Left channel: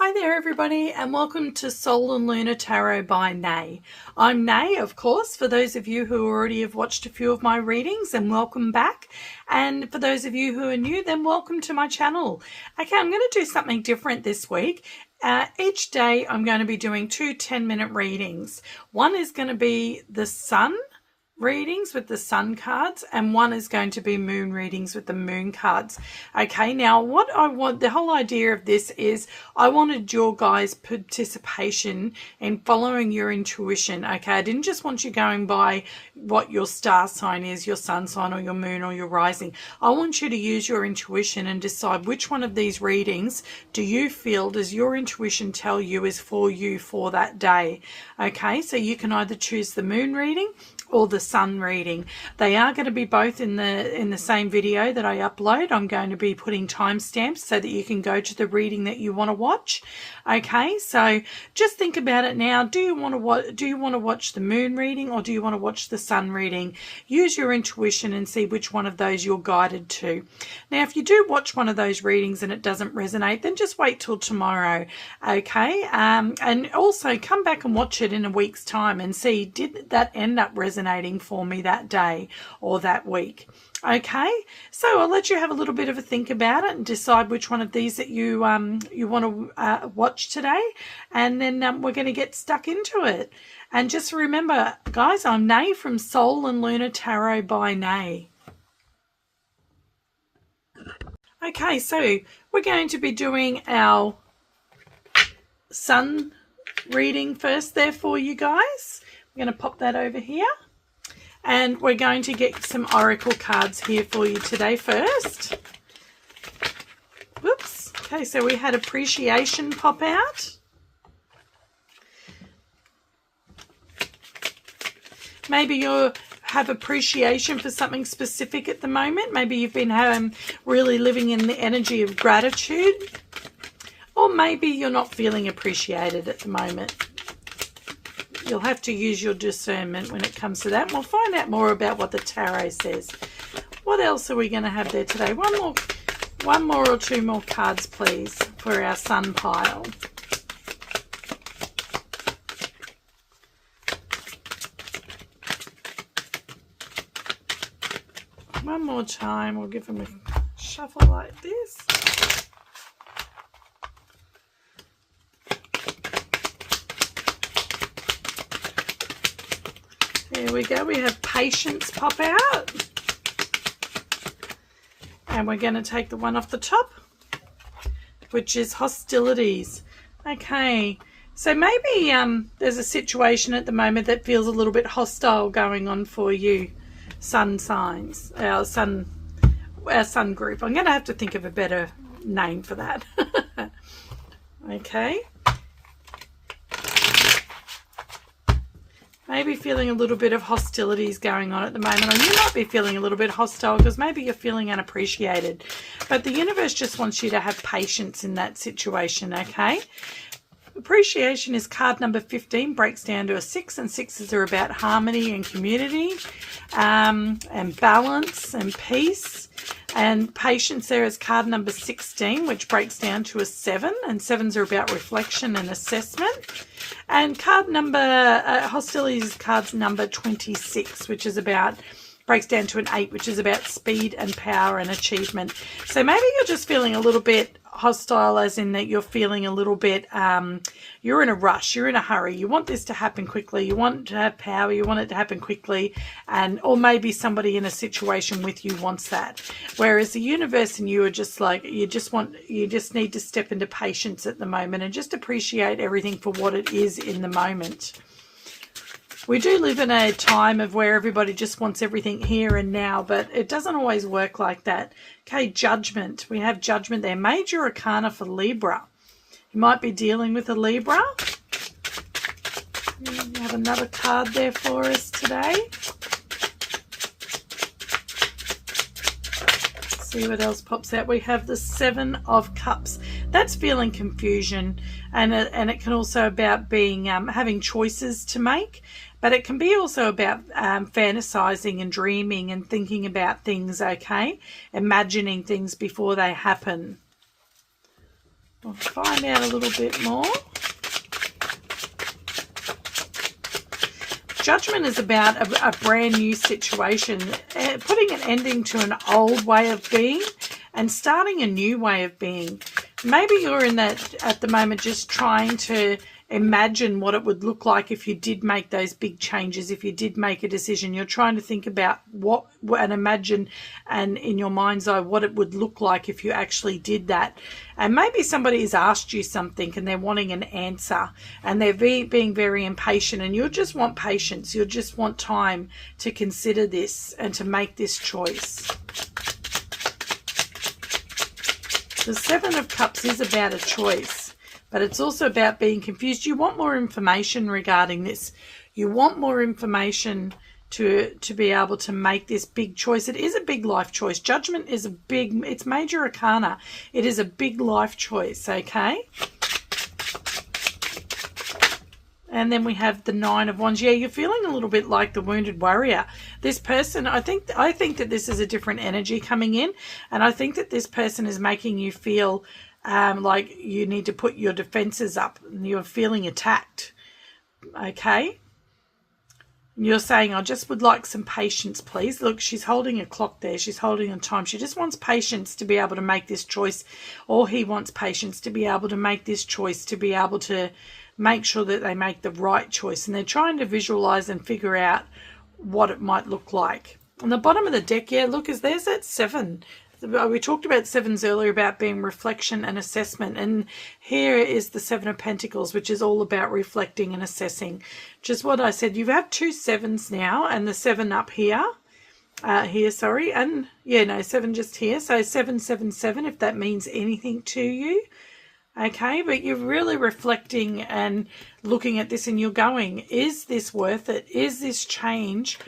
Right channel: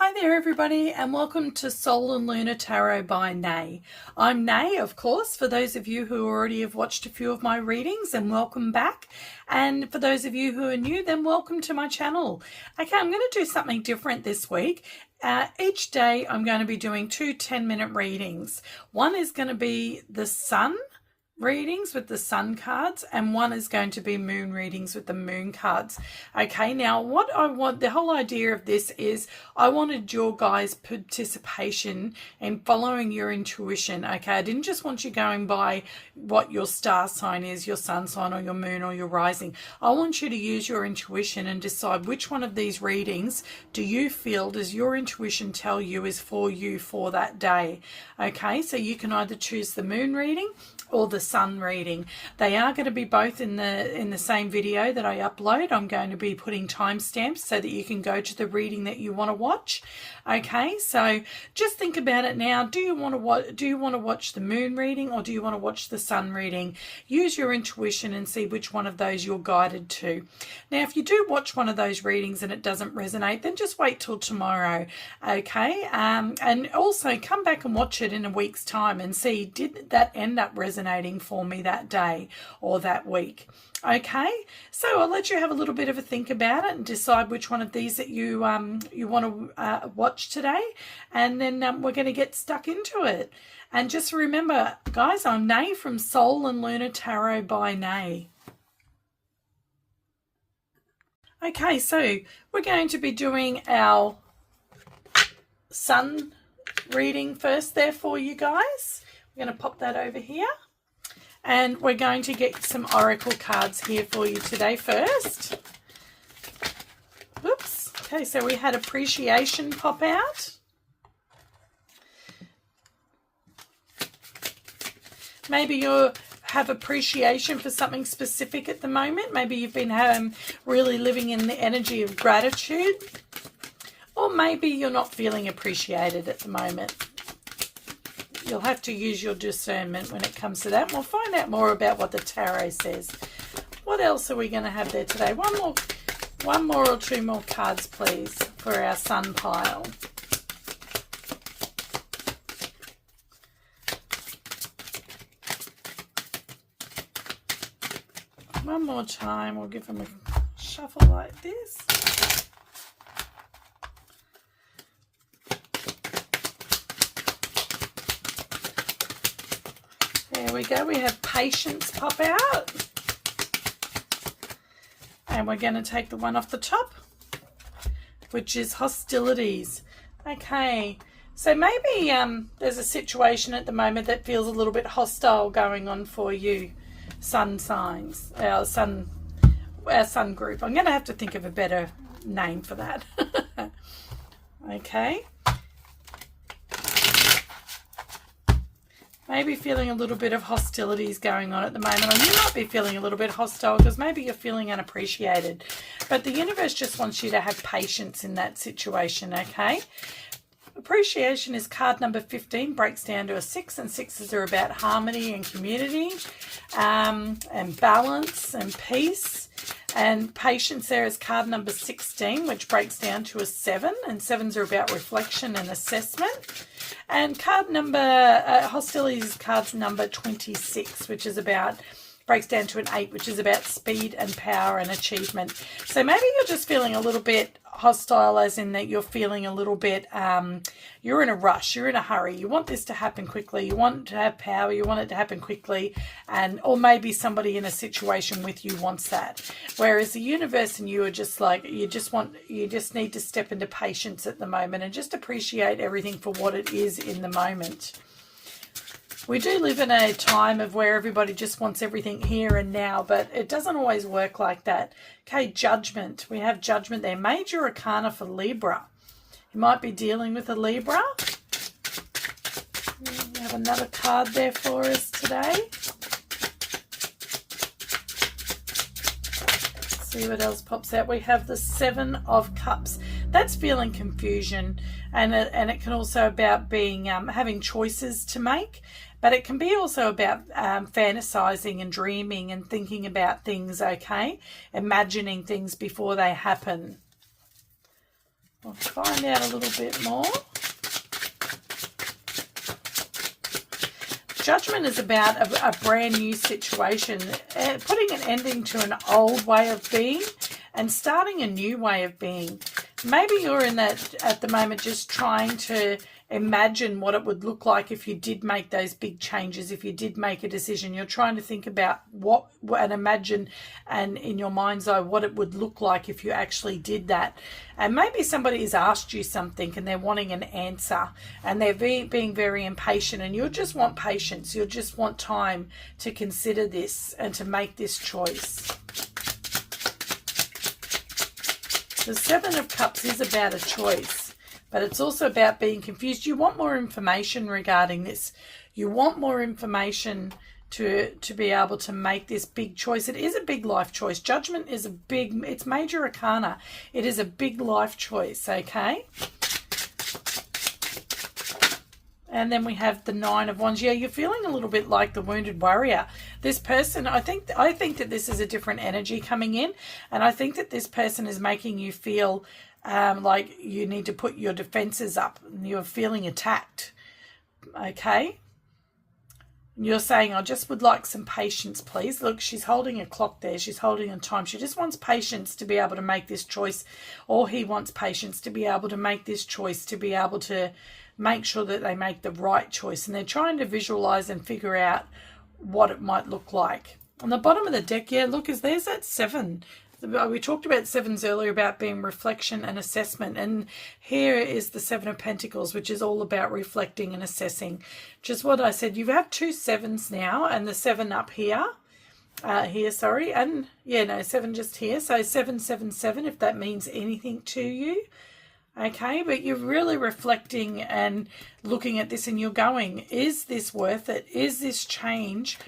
Hi there everybody, and welcome to Soul and Lunar Tarot by Nay. I'm Nay, of course, for those of you who already have watched a few of my readings, and welcome back. And for those of you who are new, then welcome to my channel. Okay, I'm going to do something different this week. Each day I'm going to be doing two 10-minute readings. One is going to be the sun readings with the sun cards, and one is going to be moon readings with the moon cards. Okay, now what I want, the whole idea of this is I wanted your guys' participation in following your intuition. Okay, I didn't just want you going by what your star sign is, your sun sign or your moon or your rising. I want you to use your intuition and decide which one of these readings do you feel, does your intuition tell you is for you for that day. Okay, so you can either choose the moon reading or the sun reading. They are going to be both in the same video that I upload. I'm going to be putting timestamps so that you can go to the reading that you want to watch. Okay, so just think about it now. Do you want to watch the moon reading or do you want to watch the sun reading? Use your intuition and see which one of those you're guided to. Now, if you do watch one of those readings and it doesn't resonate, then just wait till tomorrow. Okay, and also come back and watch it in a week's time and see, did that end up resonating for me that day or that week? Okay, so I'll let you have a little bit of a think about it and decide which one of these that you want to watch today, and then we're going to get stuck into it. And just remember, guys, I'm Nay from Soul and Lunar Tarot by Nay. Okay, so we're going to be doing our sun reading first there for you guys. We're going to pop that over here. And we're going to get some oracle cards here for you today first. Whoops. Okay, so we had appreciation pop out. Maybe you have appreciation for something specific at the moment. Maybe you've been really living in the energy of gratitude. Or maybe you're not feeling appreciated at the moment. You'll have to use your discernment when it comes to that. We'll find out more about what the tarot says. What else are we going to have there today? One more or two more cards, please, for our sun pile. One more time. We'll give them a shuffle like this. There we go. We have patience pop out. And we're going to take the one off the top, which is hostilities. Okay. So maybe there's a situation at the moment that feels a little bit hostile going on for you, sun signs, our sun group. I'm going to have to think of a better name for that. Okay. Maybe feeling a little bit of hostilities going on at the moment. And you might be feeling a little bit hostile because maybe you're feeling unappreciated. But the universe just wants you to have patience in that situation, okay? Appreciation is card number 15, breaks down to a 6, and 6s are about harmony and community, and balance and peace. And patience there is card number 16, which breaks down to a 7, and 7s are about reflection and assessment. And card number, hostilities is card number 26, which is about, breaks down to an 8, which is about speed and power and achievement. So maybe you're just feeling a little bit hostile, as in that you're feeling a little bit, you're in a rush, you're in a hurry, you want this to happen quickly, you want to have power, you want it to happen quickly, or maybe somebody in a situation with you wants that. Whereas the universe and you are just like, you just need to step into patience at the moment and just appreciate everything for what it is in the moment. We do live in a time of where everybody just wants everything here and now, but it doesn't always work like that. Okay, judgment. We have judgment there. Major arcana for Libra. You might be dealing with a Libra. We have another card there for us today. Let's see what else pops out. We have the 7 of Cups. That's feeling confusion, and it can also about being having choices to make. But it can be also about fantasizing and dreaming and thinking about things, okay? Imagining things before they happen. We'll find out a little bit more. Judgment is about a brand new situation, putting an ending to an old way of being and starting a new way of being. Maybe you're in that at the moment, just trying to imagine what it would look like if you did make those big changes, if you did make a decision. You're trying to think about what and imagine, and in your mind's eye, what it would look like if you actually did that. And maybe somebody has asked you something and they're wanting an answer, and they're being very impatient, and you just want patience. You just want time to consider this and to make this choice. The Seven of Cups is about a choice, but it's also about being confused. You want more information regarding this. You want more information to be able to make this big choice. It is a big life choice. Judgment is it's major arcana. It is a big life choice, okay? And then we have the Nine of Wands. Yeah, you're feeling a little bit like the wounded warrior. This person, I think that this is a different energy coming in, and I think that this person is making you feel like you need to put your defenses up and you're feeling attacked, okay? You're saying, I just would like some patience, please. Look, she's holding a clock there. She's holding a time. She just wants patience to be able to make this choice, or he wants patience to be able to make this choice, to be able to make sure that they make the right choice. And they're trying to visualize and figure out what it might look like. On the bottom of the deck, yeah, look, there's that 7. We talked about 7s earlier, about being reflection and assessment. And here is the 7 of Pentacles, which is all about reflecting and assessing. Just what I said, you have 2 7s now, and the 7 up here. Sorry. And, yeah, no, 7 just here. So 777, if that means anything to you. Okay, but you're really reflecting and looking at this, and you're going, is this worth it? Is this change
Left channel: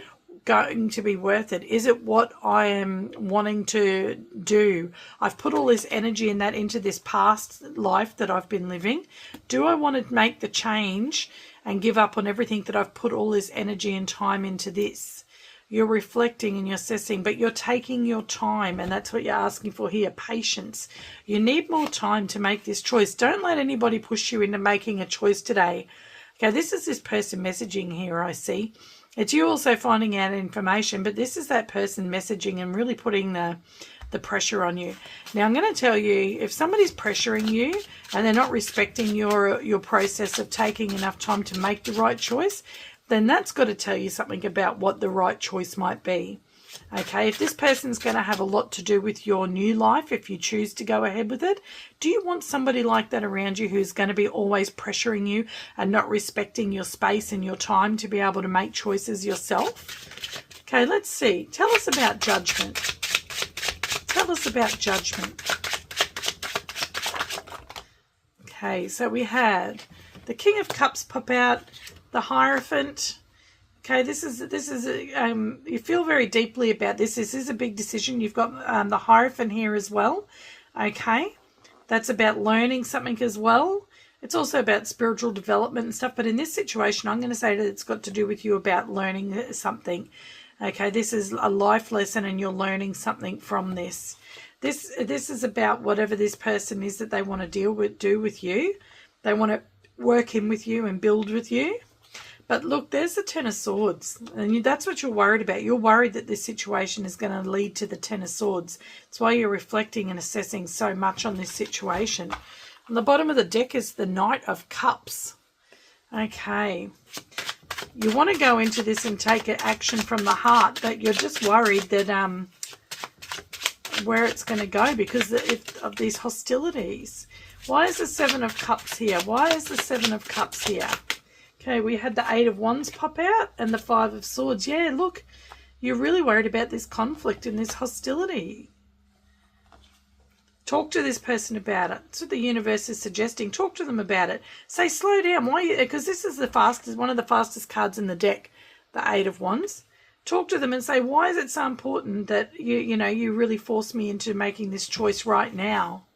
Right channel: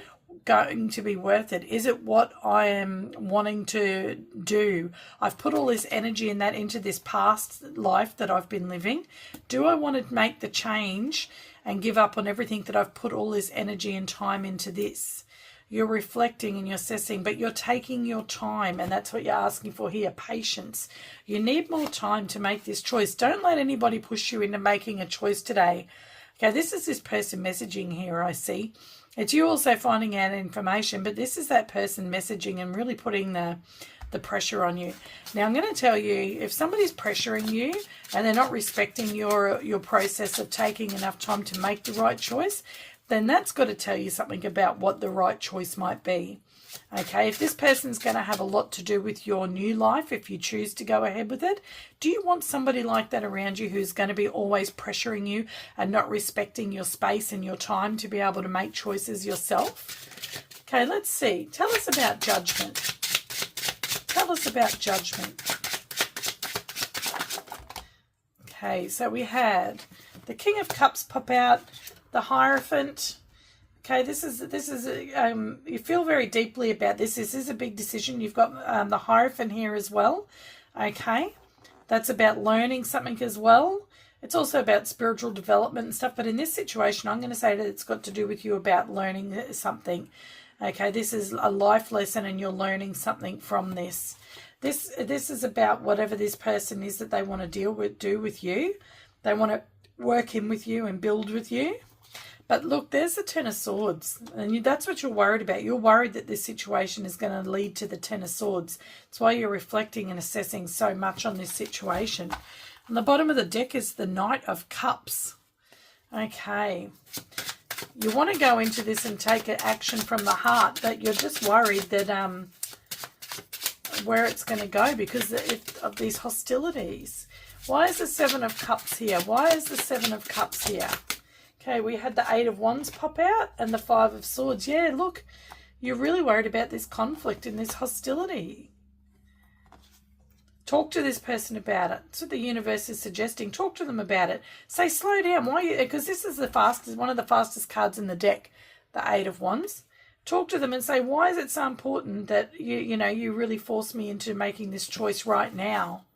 going to be worth it? Is it what I am wanting to do? I've put all this energy and that into this past life that I've been living. Do I want to make the change and give up on everything that I've put all this energy and time into this? You're reflecting and you're assessing, but you're taking your time, and that's what you're asking for here, patience. You need more time to make this choice. Don't let anybody push you into making a choice today. Okay, this is this person messaging here, I see. It's you also finding out information, but this is that person messaging and really putting the pressure on you. Now, I'm going to tell you, if somebody's pressuring you and they're not respecting your process of taking enough time to make the right choice, then that's got to tell you something about what the right choice might be. Okay, if this person's going to have a lot to do with your new life, if you choose to go ahead with it, do you want somebody like that around you who's going to be always pressuring you and not respecting your space and your time to be able to make choices yourself? Okay, let's see. Tell us about judgment. Tell us about judgment. Okay, so we had the King of Cups pop out, the Hierophant. Okay, this is you feel very deeply about this. This is a big decision. You've got the Hierophant here as well. Okay, that's about learning something as well. It's also about spiritual development and stuff. But in this situation, I'm going to say that it's got to do with you about learning something. Okay, this is a life lesson, and you're learning something from this. This is about whatever this person is that they want to do with you. They want to work in with you and build with you. But look, there's the Ten of Swords, and that's what you're worried about. You're worried that this situation is going to lead to the Ten of Swords. That's why you're reflecting and assessing so much on this situation. On the bottom of the deck is the Knight of Cups. Okay. You want to go into this and take action from the heart, but you're just worried that where it's going to go because of these hostilities. Why is the Seven of Cups here? Why is the Seven of Cups here? Okay, we had the Eight of Wands pop out and the Five of Swords. Yeah, look, you're really worried about this conflict and this hostility. Talk to this person about it. That's what the universe is suggesting. Talk to them about it. Say, slow down. Why? Because this is one of the fastest cards in the deck, the Eight of Wands. Talk to them and say, why is it so important that you really force me into making this choice right now?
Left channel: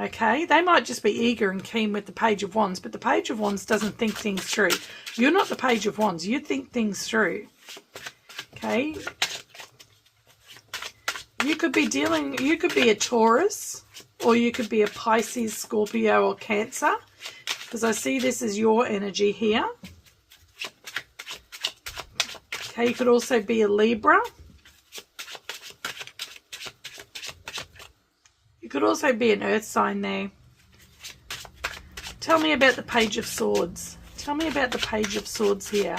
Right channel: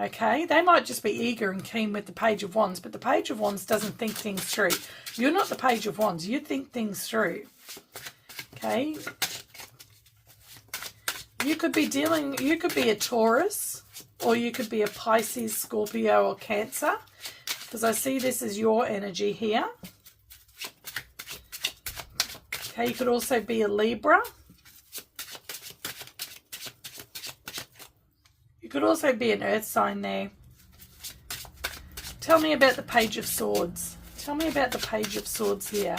Okay, they might just be eager and keen with the Page of Wands, but the Page of Wands doesn't think things through. You're not the Page of Wands. You think things through. Okay. You could be a Taurus. or you could be a Pisces, Scorpio, or Cancer, because I see this as your energy here. Okay, you could also be a Libra. You could also be an earth sign there. Tell me about the Page of Swords. Tell me about the Page of Swords here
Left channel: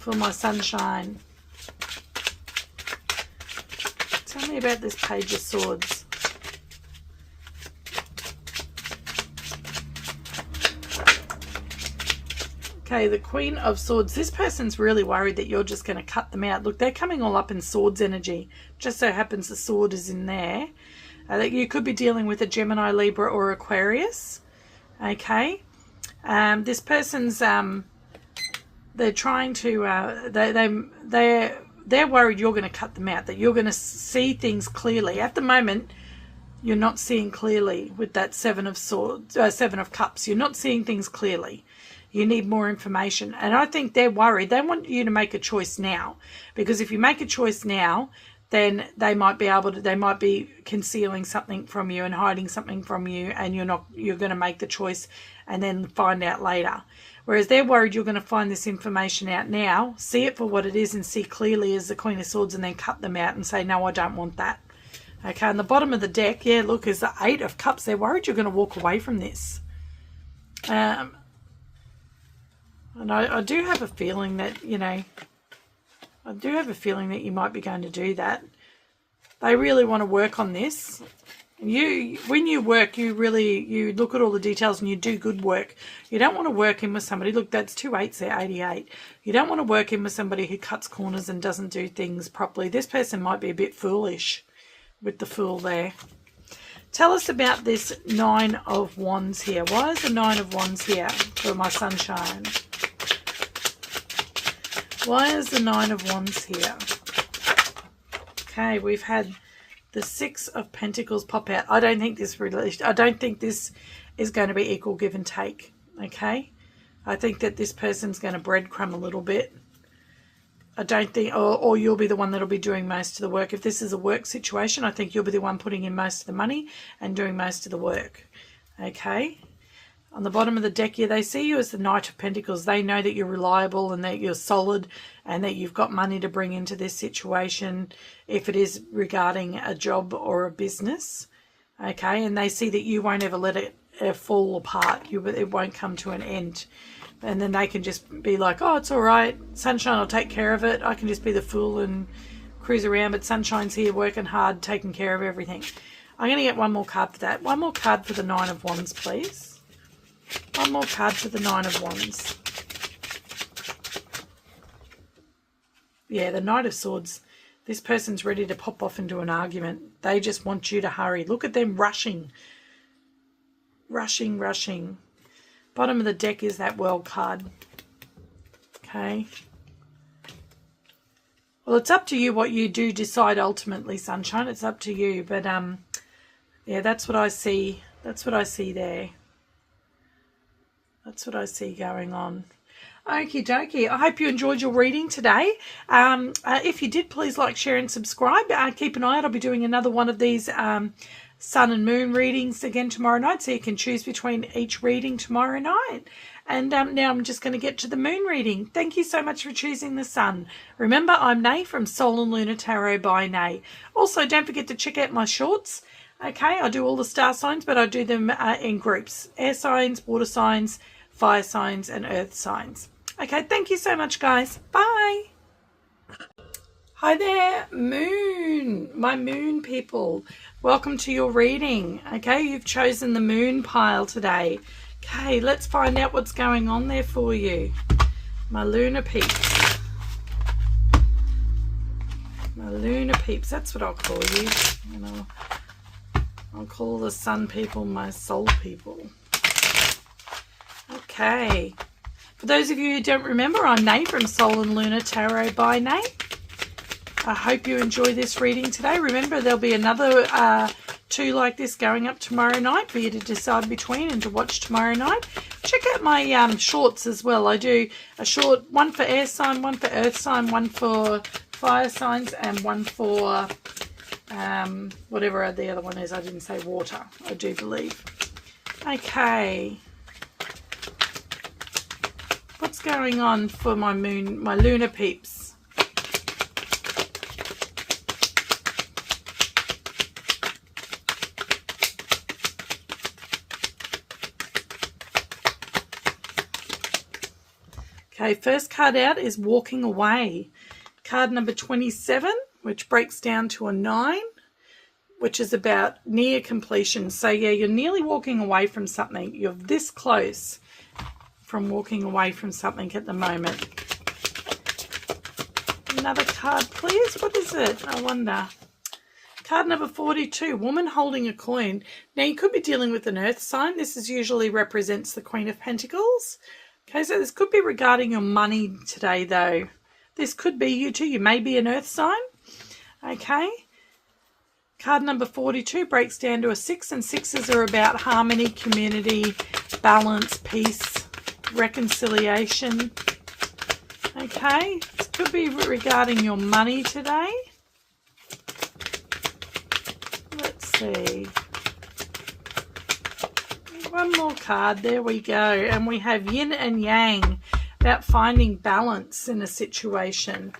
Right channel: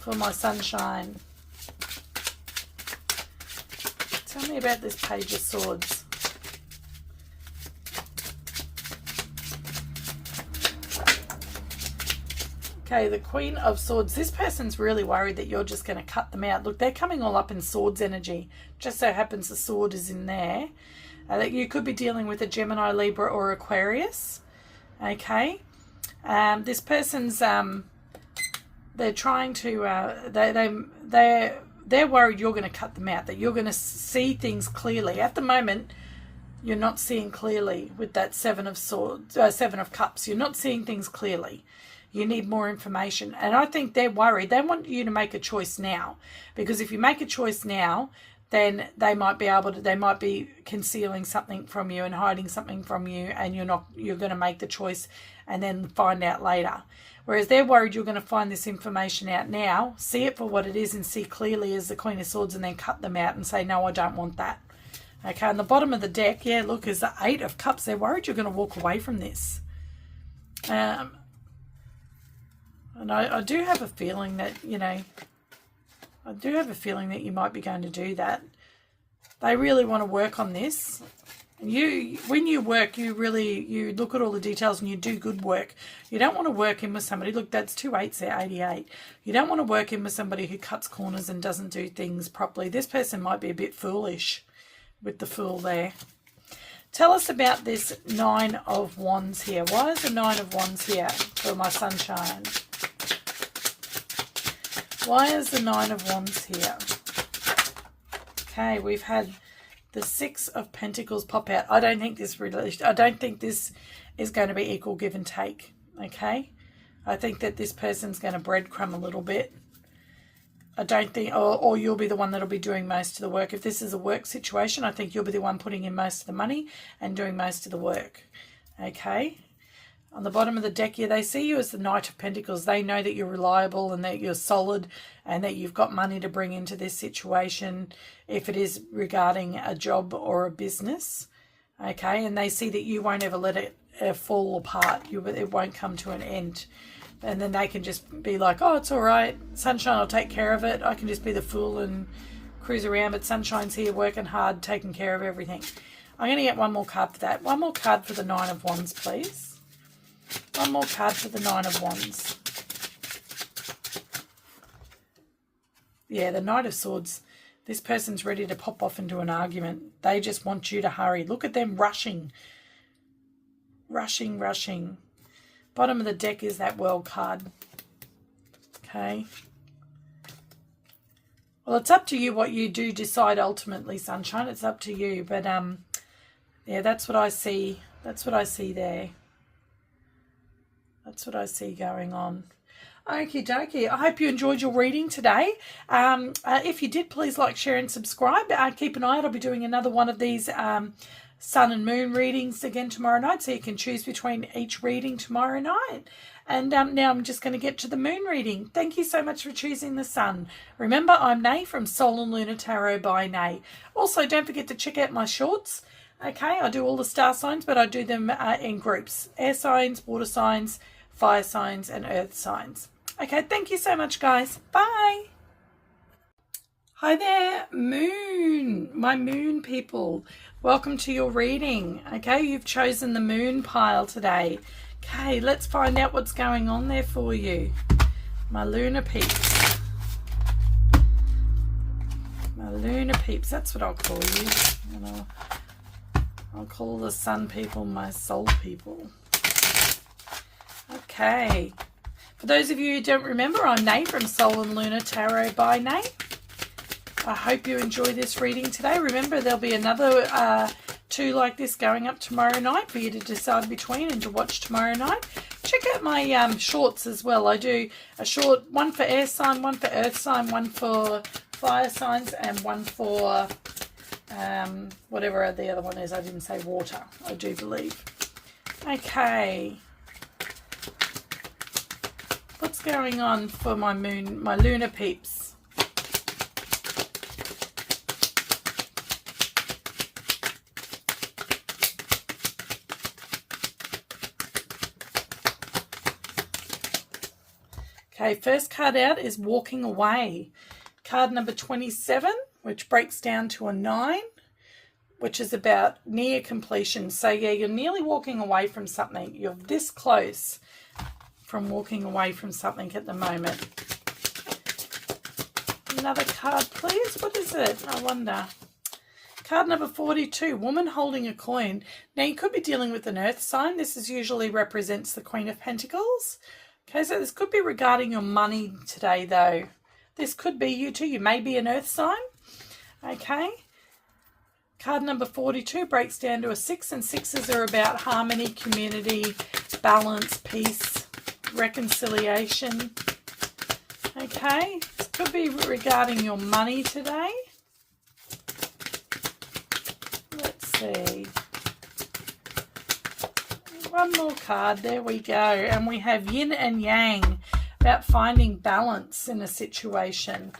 for my sunshine. Tell me about this Page of Swords. Okay, the Queen of Swords. This person's really worried that you're just going to cut them out. Look, they're coming all up in swords energy. Just so happens the sword is in there. That you could be dealing with a Gemini, Libra, or Aquarius. Okay. This person's they're trying to they're worried you're going to cut them out, that you're going to see things clearly. At the moment, you're not seeing clearly with that Seven of Swords, Seven of Cups. You're not seeing things clearly. You need more information. And I think they're worried. They want you to make a choice now, because if you make a choice now, then they might be concealing something from you and hiding something from you, and you're going to make the choice and then find out later. Whereas they're worried you're going to find this information out now, see it for what it is and see clearly as the Queen of Swords, and then cut them out and say, no, I don't want that. Okay, on the bottom of the deck, yeah, look, is the Eight of Cups. They're worried you're going to walk away from this. And I do have a feeling that, I do have a feeling that you might be going to do that. They really want to work on this. When you work, you look at all the details and you do good work. You don't want to work in with somebody. Look, that's 2 8s there, 88. You don't want to work in with somebody who cuts corners and doesn't do things properly. This person might be a bit foolish with the Fool there. Tell us about this Nine of Wands here. Why is the Nine of Wands here for my sunshine? Why is the Nine of Wands here? Okay, we've had the Six of Pentacles pop out. I don't think this is going to be equal give and take. Okay, I think that this person's going to breadcrumb a little bit. I don't think, or you'll be the one that'll be doing most of the work. If this is a work situation, I think you'll be the one putting in most of the money and doing most of the work. Okay. On the bottom of the deck here, they see you as the Knight of Pentacles. They know that you're reliable and that you're solid and that you've got money to bring into this situation if it is regarding a job or a business. Okay, and they see that you won't ever let it fall apart. It won't come to an end. And then they can just be like, oh, it's all right. Sunshine will take care of it. I can just be the Fool and cruise around. But Sunshine's here working hard, taking care of everything. I'm going to get one more card for that. One more card for the Nine of Wands, please. One more card for the Nine of Wands. Yeah, the Knight of Swords. This person's ready to pop off into an argument. They just want you to hurry. Look at them rushing. Rushing, rushing. Bottom of the deck is that World card. Okay. Well, it's up to you what you do decide ultimately, Sunshine. It's up to you. But, yeah, that's what I see. That's what I see there. That's what I see going on. Okie dokie. I hope you enjoyed your reading today. If you did, please like, share and subscribe. Keep an eye out. I'll be doing another one of these sun and moon readings again tomorrow night, so you can choose between each reading tomorrow night. And now I'm just going to get to the moon reading. Thank you so much for choosing the sun. Remember, I'm Nay from Soul and Lunar Tarot by Nay. Also, don't forget to check out my shorts. Okay, I do all the star signs, but I do them in groups. Air signs, water signs, fire signs and earth signs. Okay, thank you so much, guys. Bye. Hi there, moon, my moon people. Welcome to your reading. Okay, you've chosen the moon pile today. Okay, let's find out what's going on there for you. My lunar peeps. My lunar peeps, that's what I'll call you. I'll call the sun people my soul people. Okay. For those of you who don't remember, I'm Nay from Soul and Lunar Tarot by Nay. I hope you enjoy this reading today. Remember, there'll be another 2 like this going up tomorrow night for you to decide between and to watch tomorrow night. Check out my shorts as well. I do a short, one for air sign, one for earth sign, one for fire signs, and one for whatever the other one is. I didn't say water, I do believe. Okay. What's going on for my lunar peeps? Okay, first card out is walking away. Card number 27, which breaks down to a 9, which is about near completion. So yeah, you're nearly walking away from something. You're this close from walking away from something at the moment. Another card, please. What is it? I wonder. Card number 42, woman holding a coin. Now, you could be dealing with an earth sign. This usually represents the Queen of Pentacles. Okay, so this could be regarding your money today, though. This could be you too. You may be an earth sign. Okay. Card number 42 breaks down to a 6, and 6s are about harmony, community, balance, peace, reconciliation. Okay. This could be regarding your money today. Let's see. One more card. There we go. And we have yin and yang, about finding balance in a situation.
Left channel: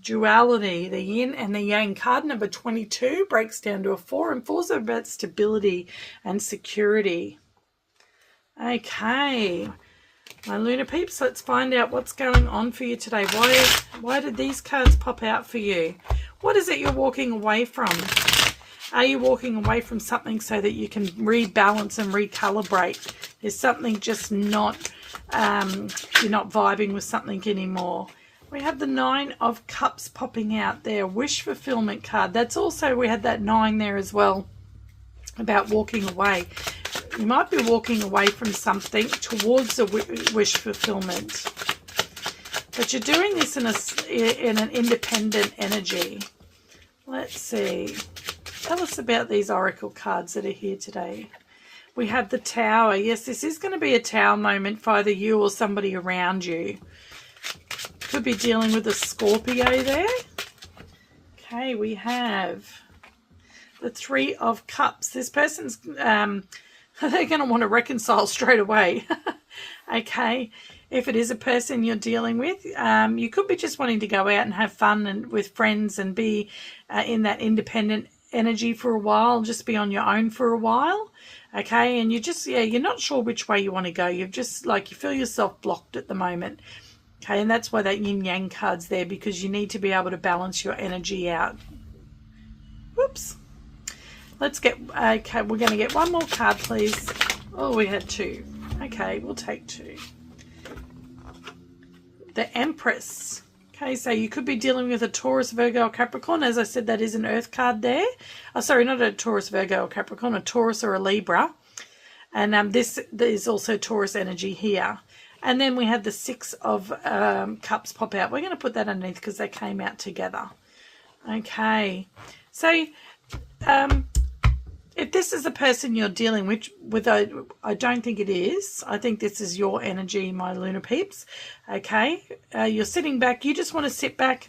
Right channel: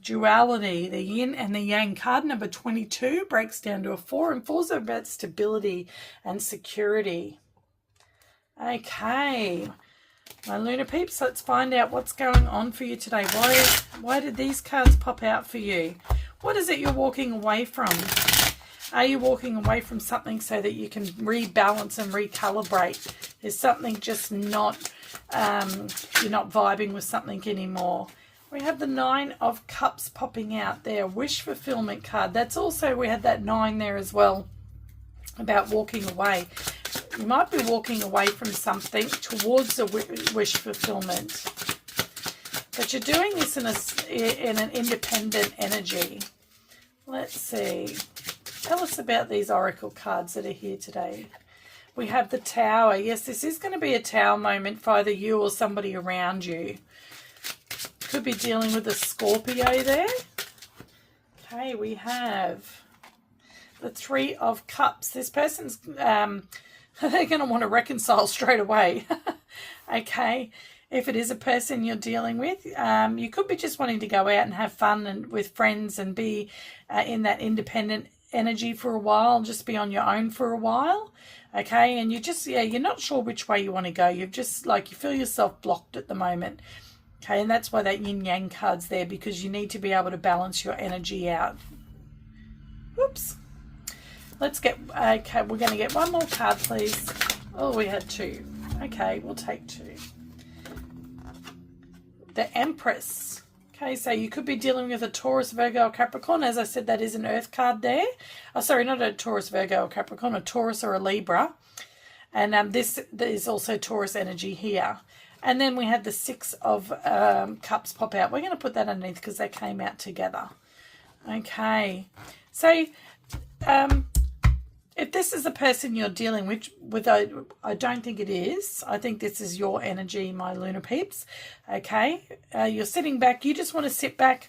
Duality, the yin and the yang. Card number 22 breaks down to a 4, and 4s are about stability and security. Okay, my lunar peeps, let's find out what's going on for you today. Why did these cards pop out for you? What is it you're walking away from? Are you walking away from something so that you can rebalance and recalibrate? Is something just not, you're not vibing with something anymore? We have the 9 of Cups popping out there. Wish fulfillment card. That's also, we had that 9 there as well, about walking away. You might be walking away from something towards a wish fulfillment. But you're doing this in an independent energy. Let's see. Tell us about these oracle cards that are here today. We have the Tower. Yes, this is going to be a Tower moment for either you or somebody around you. Could be dealing with a Scorpio there. Okay, we have the 3 of Cups. This person's, they're going to want to reconcile straight away. Okay, if it is a person you're dealing with, you could be just wanting to go out and have fun and with friends and be in that independent energy for a while, just be on your own for a while. Okay, and you just, yeah, you're not sure which way you want to go. You've just, like, you feel yourself blocked at the moment. Okay, and that's why that yin-yang card's there, because you need to be able to balance your energy out. Whoops. Let's get, okay, we're going to get one more card, please. Oh, we had 2. Okay, we'll take 2. The Empress. Okay, so you could be dealing with a Taurus, Virgo, or Capricorn. As I said, that is an Earth card there. Oh, sorry, not a Taurus, Virgo, or Capricorn, a Taurus or a Libra. And this is also Taurus energy here. And then we had the 6 of Cups pop out. We're going to put that underneath because they came out together. Okay, so if this is the person you're dealing with, I don't think it is. I think this is your energy, my lunar peeps. Okay, you're sitting back. You just want to sit back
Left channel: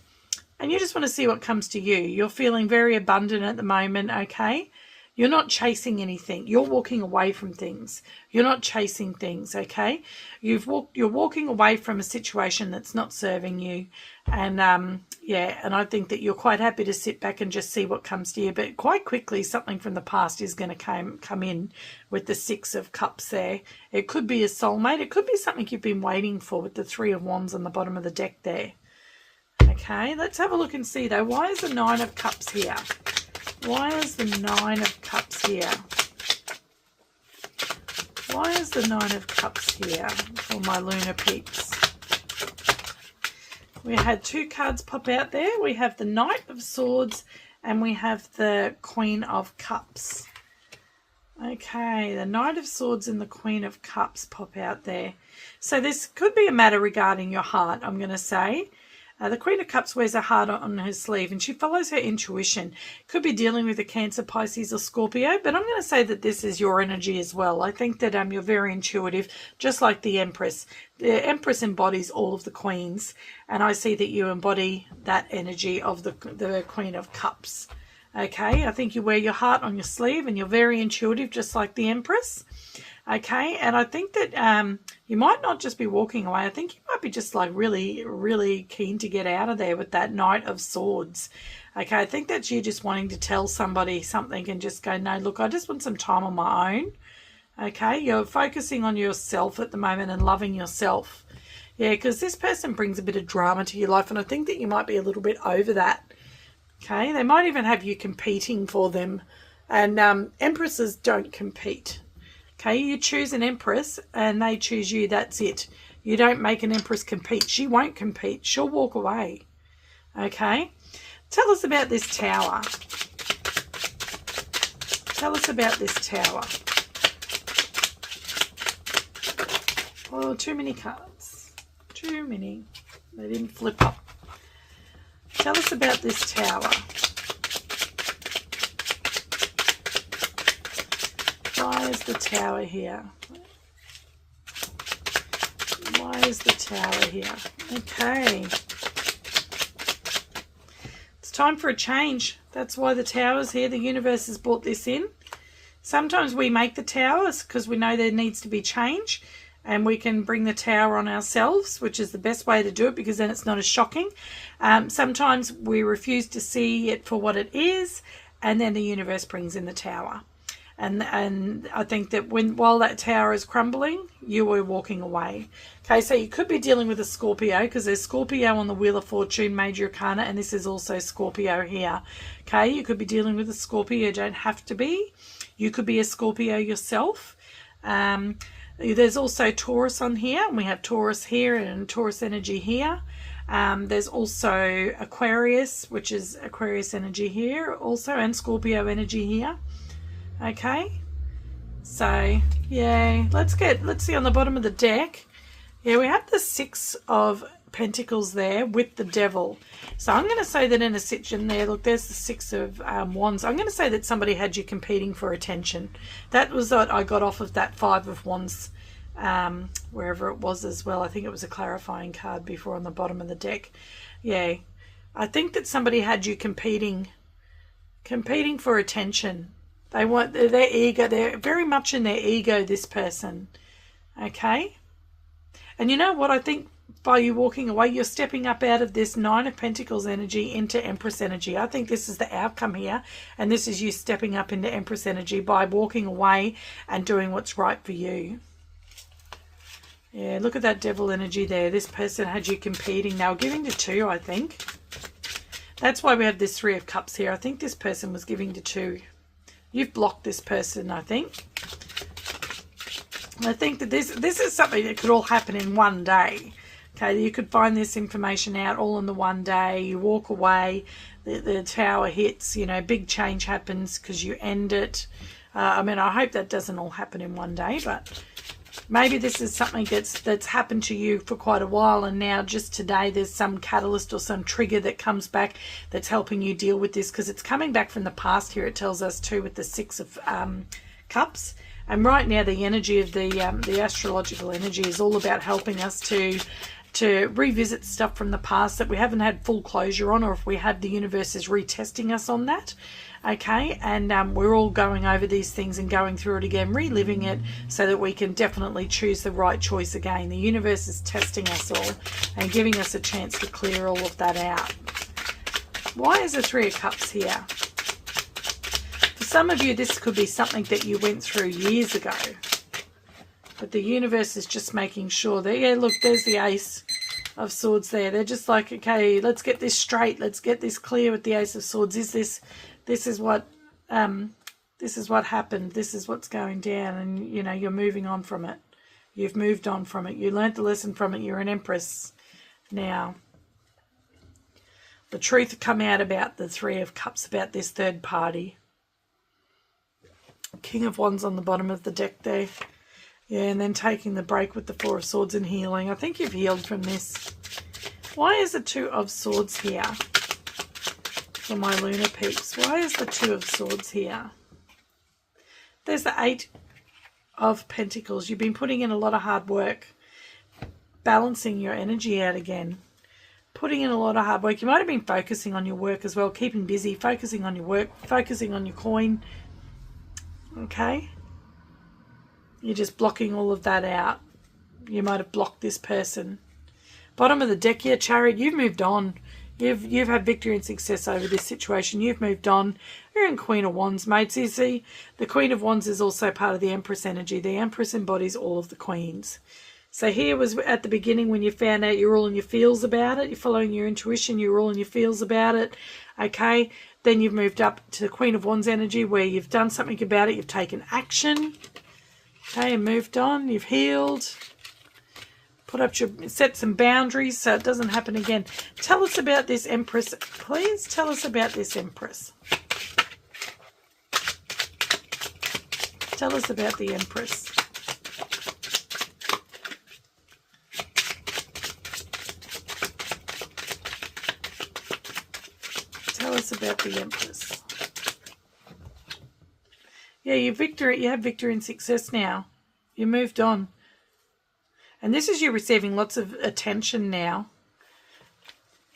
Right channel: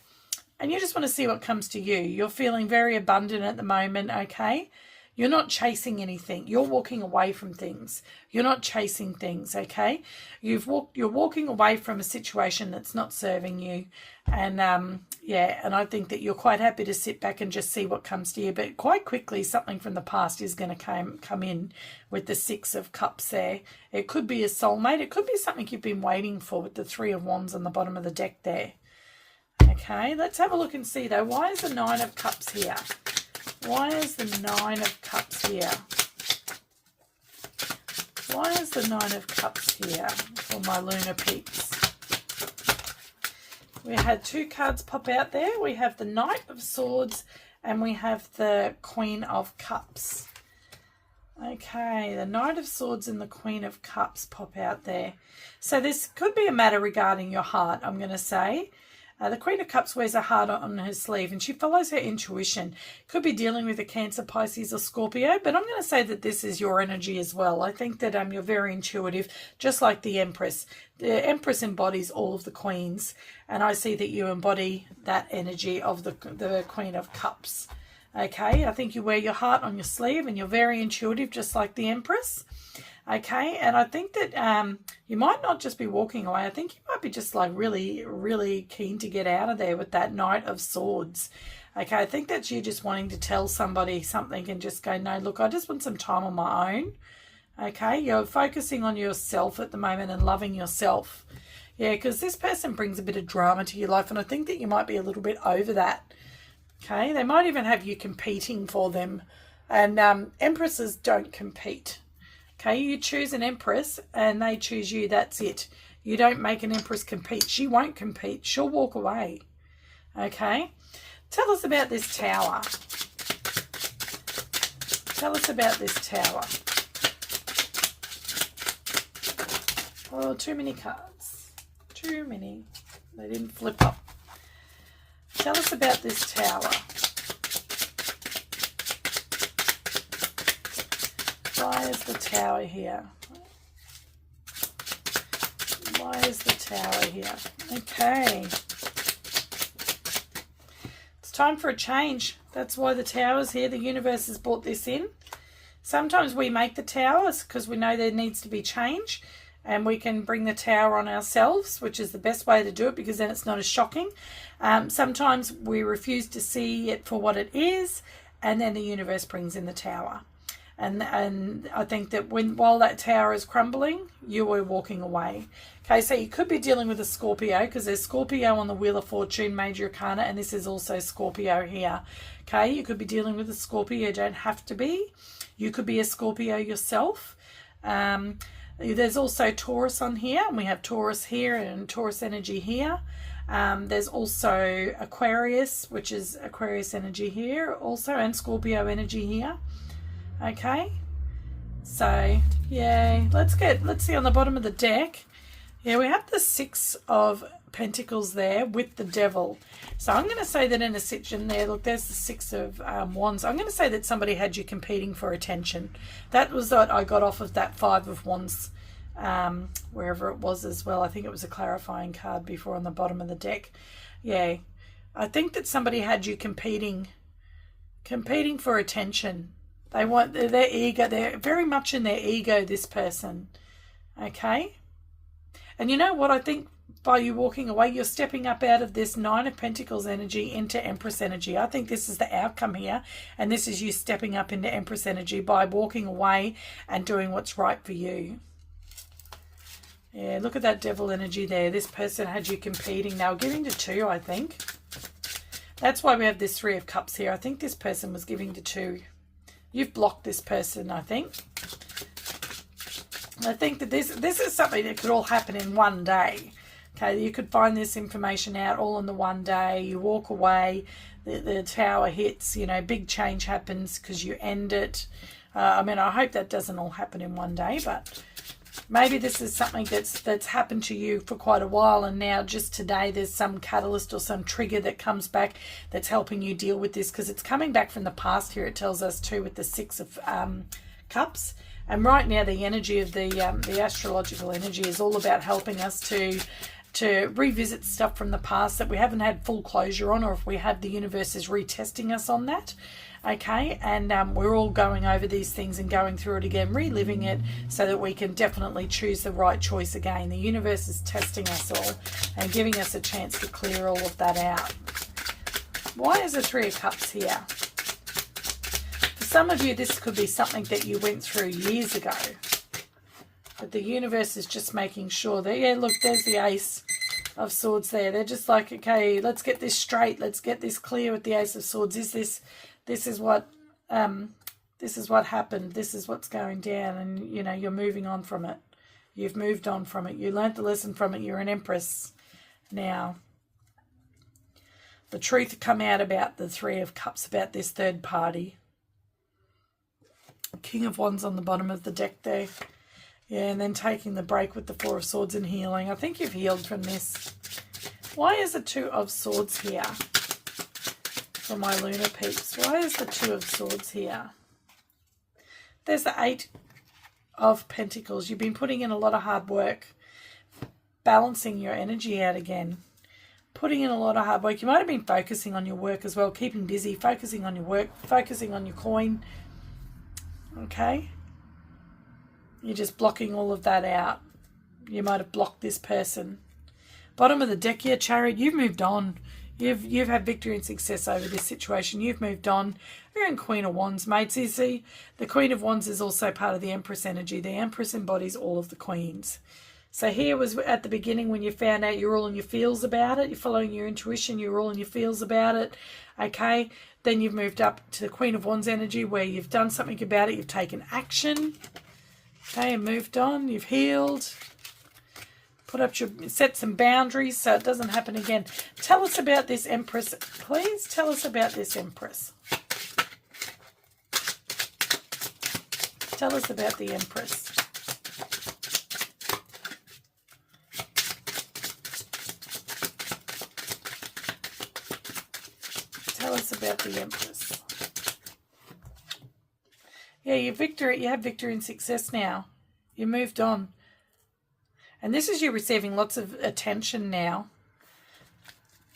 and you just want to see what comes to you. You're feeling very abundant at the moment, okay? You're not chasing anything. You're walking away from things. You're not chasing things, okay? You're walking away from a situation that's not serving you. And, yeah, and I think that you're quite happy to sit back and just see what comes to you. But quite quickly, something from the past is going to come in with the 6 of Cups there. It could be a soulmate. It could be something you've been waiting for with the 3 of Wands on the bottom of the deck there. Okay, let's have a look and see, though. Why is the 9 of Cups here? Why is the 9 of Cups here? Why is the 9 of Cups here for my lunar peeps? We had 2 cards pop out there. We have the Knight of Swords and we have the Queen of Cups. Okay, the Knight of Swords and the Queen of Cups pop out there. So this could be a matter regarding your heart, I'm going to say. The Queen of Cups wears a heart on her sleeve and she follows her intuition. Could be dealing with a Cancer, Pisces or Scorpio, but I'm going to say that this is your energy as well. I think that you're very intuitive, just like the Empress. The Empress embodies all of the queens, and I see that you embody that energy of the Queen of Cups. Okay, I think you wear your heart on your sleeve and you're very intuitive, just like the Empress. Okay, and I think that you might not just be walking away. I think you might be just like really, really keen to get out of there with that Knight of Swords. Okay, I think that's you just wanting to tell somebody something and just go, no, look, I just want some time on my own. Okay, you're focusing on yourself at the moment and loving yourself. Yeah, because this person brings a bit of drama to your life, and I think that you might be a little bit over that. Okay, they might even have you competing for them, and Empresses don't compete. Okay, you choose an Empress and they choose you, that's it. You don't make an Empress compete. She won't compete. She'll walk away. Okay, tell us about this Tower. Tell us about this Tower. Oh, too many cards. Too many. They didn't flip up. Tell us about this Tower. Why is the Tower here? Why is the Tower here? Okay. It's time for a change. That's why the Tower's here. The universe has brought this in. Sometimes we make the Towers because we know there needs to be change, and we can bring the Tower on ourselves, which is the best way to do it because then it's not as shocking. Sometimes we refuse to see it for what it is, and then the universe brings in the Tower. And I think that while that Tower is crumbling, you are walking away. Okay, so you could be dealing with a Scorpio because there's Scorpio on the Wheel of Fortune, Major Arcana, and this is also Scorpio here. Okay, you could be dealing with a Scorpio. You don't have to be. You could be a Scorpio yourself. There's also Taurus on here, and we have Taurus here and Taurus energy here. There's also Aquarius, which is Aquarius energy here also, and Scorpio energy here. Okay, so yeah, let's see on the bottom of the deck. Yeah, we have the Six of Pentacles there with the Devil. So I'm going to say that in a situation there, look, there's the Six of Wands. I'm going to say that somebody had you competing for attention. That was what I got off of that Five of Wands, wherever it was as well. I think it was a clarifying card before on the bottom of the deck. Yeah, I think that somebody had you competing for attention. They want their ego. They're very much in their ego, this person. Okay? And you know what? I think by you walking away, you're stepping up out of this Nine of Pentacles energy into Empress energy. I think this is the outcome here. And this is you stepping up into Empress energy by walking away and doing what's right for you. Yeah, look at that Devil energy there. This person had you competing. They were giving to two, I think. That's why we have this Three of Cups here. I think this person was giving to two. You've blocked this person, I think. I think that this is something that could all happen in one day. Okay, you could find this information out all in the one day. You walk away, the Tower hits, you know, big change happens because you end it. I mean, I hope that doesn't all happen in one day, but maybe this is something that's happened to you for quite a while, and now just today there's some catalyst or some trigger that comes back that's helping you deal with this, because it's coming back from the past here. It tells us too with the Six of Cups. And right now the energy of the astrological energy is all about helping us to revisit stuff from the past that we haven't had full closure on, or if we have, the universe is retesting us on that. Okay, and we're all going over these things and going through it again, reliving it, so that we can definitely choose the right choice again. The universe is testing us all and giving us a chance to clear all of that out. Why is the Three of Cups here? For some of you, this could be something that you went through years ago. But the universe is just making sure that, yeah, look, there's the Ace of Swords there. They're just like, okay, let's get this straight. Let's get this clear with the Ace of Swords. This is what happened. This is what's going down, and you know, you're moving on from it. You've moved on from it. You learnt the lesson from it. You're an Empress now. The truth come out about the Three of Cups, about this third party. King of Wands on the bottom of the deck there. Yeah, and then taking the break with the Four of Swords and healing. I think you've healed from this. Why is the Two of Swords here? For my lunar peeps, why is the Two of Swords here? There's the Eight of Pentacles. You've been putting in a lot of hard work, balancing your energy out again. putting in a lot of hard work. You might have been focusing on your work as well, keeping busy, focusing on your work, focusing on your coin. Okay? You're just blocking all of that out. You might have blocked this person. Bottom of the deck here, Chariot, you've moved on. You've had victory and success over this situation. You've moved on. You're in Queen of Wands, mates. You see, the Queen of Wands is also part of the Empress energy. The Empress embodies all of the queens. So here was at the beginning when you found out you're all in your feels about it. You're following your intuition. You're all in your feels about it. Okay. Then you've moved up to the Queen of Wands energy where you've done something about it. You've taken action. Okay. And moved on. You've healed. Set some boundaries so it doesn't happen again. Tell us about this Empress. Please tell us about this Empress. Tell us about the Empress. Tell us about the Empress. Yeah, you have victory and success now. You moved on. And this is you receiving lots of attention now.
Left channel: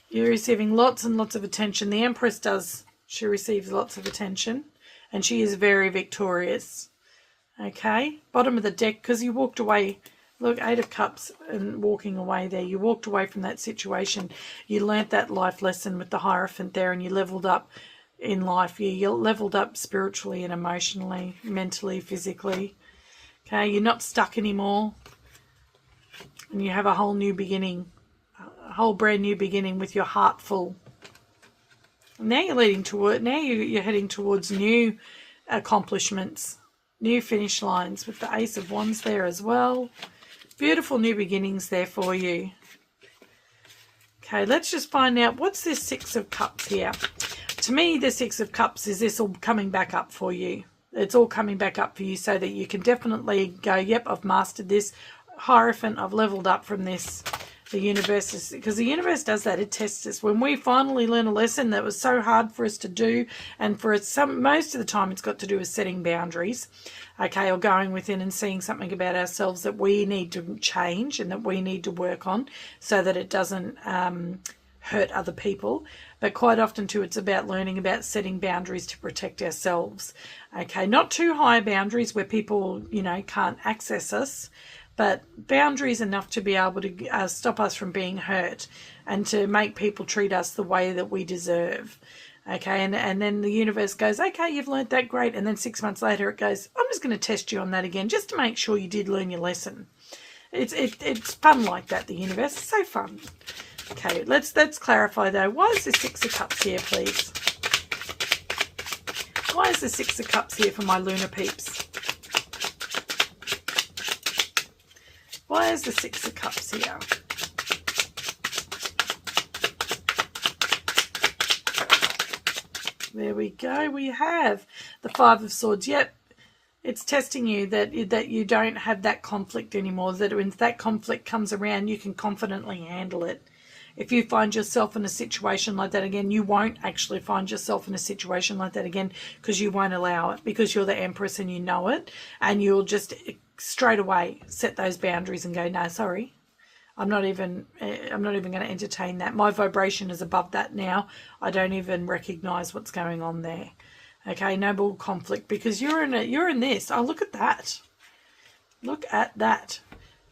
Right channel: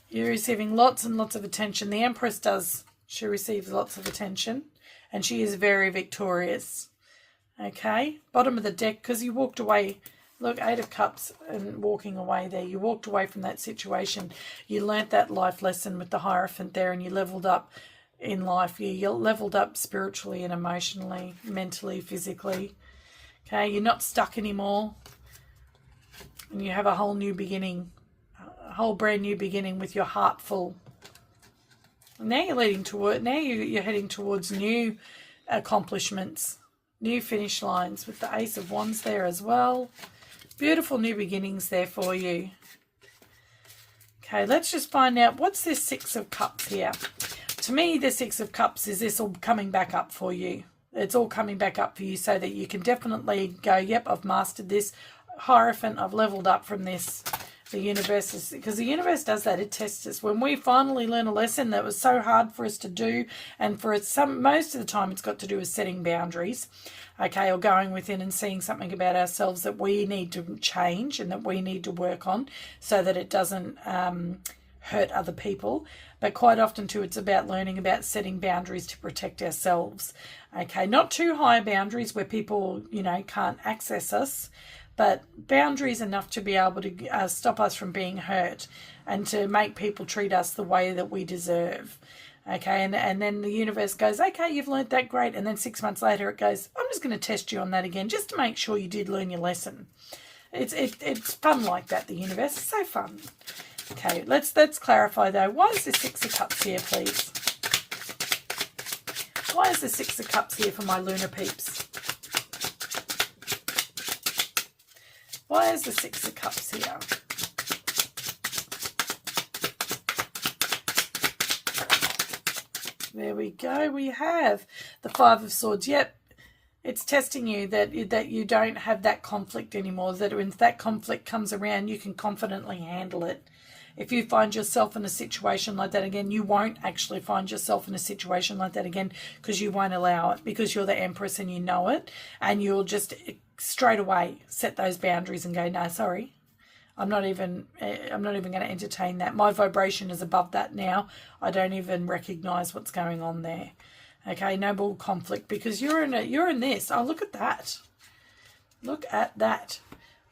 You're receiving lots and lots of attention. The Empress does. She receives lots of attention. And she is very victorious. Okay. Bottom of the deck, because you walked away. Look, 8 of Cups and walking away there. You walked away from that situation. You learnt that life lesson with the Hierophant there and you leveled up in life. You leveled up spiritually and emotionally, mentally, physically. Okay. You're not stuck anymore. And you have a whole new beginning, a whole brand new beginning with your heart full. Now you're leading toward. Now you're heading towards new accomplishments, new finish lines with the Ace of Wands there as well. Beautiful new beginnings there for you. Okay, let's just find out what's this 6 of Cups here. To me, the 6 of Cups is this all coming back up for you. It's all coming back up for you so that you can definitely go, yep, I've mastered this. Hierophant, I've leveled up from this. The universe is, because the universe does that, it tests us. When we finally learn a lesson that was so hard for us to do, and for most of the time it's got to do with setting boundaries, okay, or going within and seeing something about ourselves that we need to change and that we need to work on so that it doesn't hurt other people. But quite often too, it's about learning about setting boundaries to protect ourselves. Okay, not too high boundaries where people, can't access us, but boundaries enough to be able to stop us from being hurt and to make people treat us the way that we deserve. Okay, and then the universe goes, okay, you've learned that, great. And then 6 months later it goes, I'm just going to test you on that again just to make sure you did learn your lesson. It's fun like that, the universe. It's so fun. Okay, let's clarify though. Why is the 6 of Cups here, please? Why is the 6 of Cups here for my lunar peeps? Why is the 6 of Cups here? There we go. We have the 5 of Swords. Yep. It's testing you that you don't have that conflict anymore, that when that conflict comes around, you can confidently handle it. If you find yourself in a situation like that again, you won't actually find yourself in a situation like that again because you won't allow it, because you're the Empress and you know it, and you'll just straight away set those boundaries and go, no, sorry, I'm not even going to entertain that. My vibration is above that now. I don't even recognize what's going on there. Okay, no more conflict because you're in this. Oh, look at that. Look at that.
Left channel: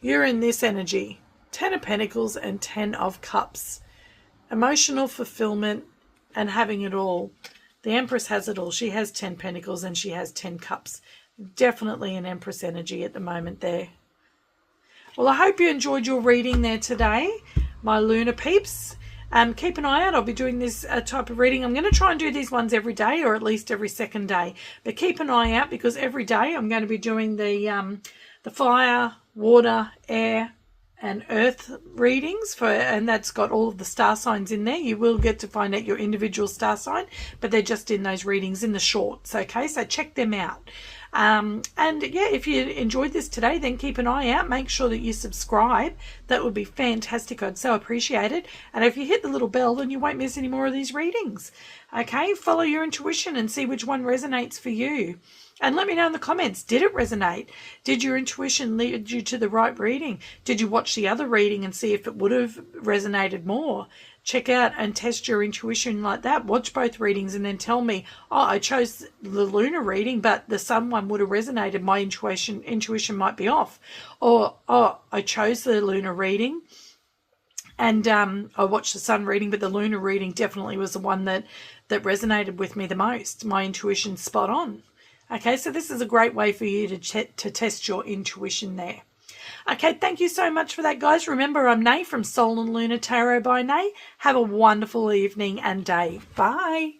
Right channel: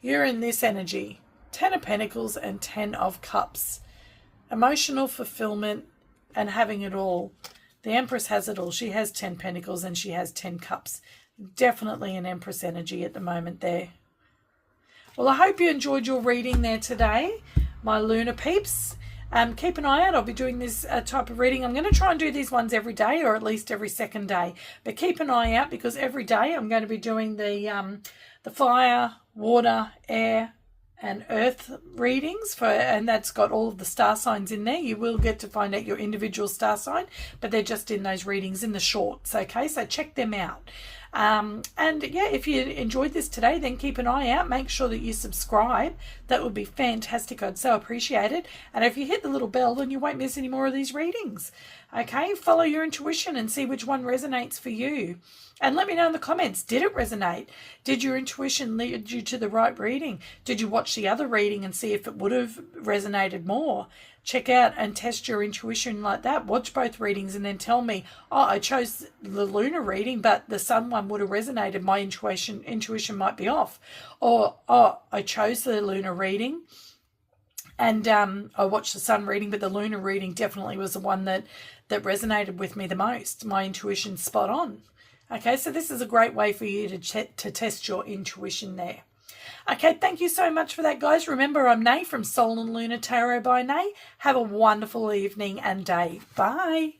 You're in this energy. 10 of Pentacles and 10 of Cups. Emotional fulfillment and having it all. The Empress has it all. She has 10 Pentacles and she has 10 Cups. Definitely an Empress energy at the moment there. Well, I hope you enjoyed your reading there today, my lunar peeps. Keep an eye out. I'll be doing this type of reading. I'm going to try and do these ones every day, or at least every second day. But keep an eye out because every day I'm going to be doing the fire, water, air, and earth readings and that's got all of the star signs in there. You will get to find out your individual star sign, but they're just in those readings in the shorts. Okay, so check them out. And yeah, if you enjoyed this today, then keep an eye out. Make sure that you subscribe. That would be fantastic. I'd so appreciate it. And if you hit the little bell, then you won't miss any more of these readings. Okay, follow your intuition and see which one resonates for you. And let me know in the comments, did it resonate? Did your intuition lead you to the right reading? Did you watch the other reading and see if it would have resonated more? check out and test your intuition like that. Watch both readings and then tell me, oh, I chose the lunar reading, but the sun one would have resonated. My intuition might be off. Or, oh, I chose the lunar reading and I watched the sun reading, but the lunar reading definitely was the one that resonated with me the most. My intuition's spot on. Okay, so this is a great way for you to test your intuition there. Okay, thank you so much for that, guys. Remember, I'm Nay from Soul and Lunar Tarot by Nay. Have a wonderful evening and day. Bye.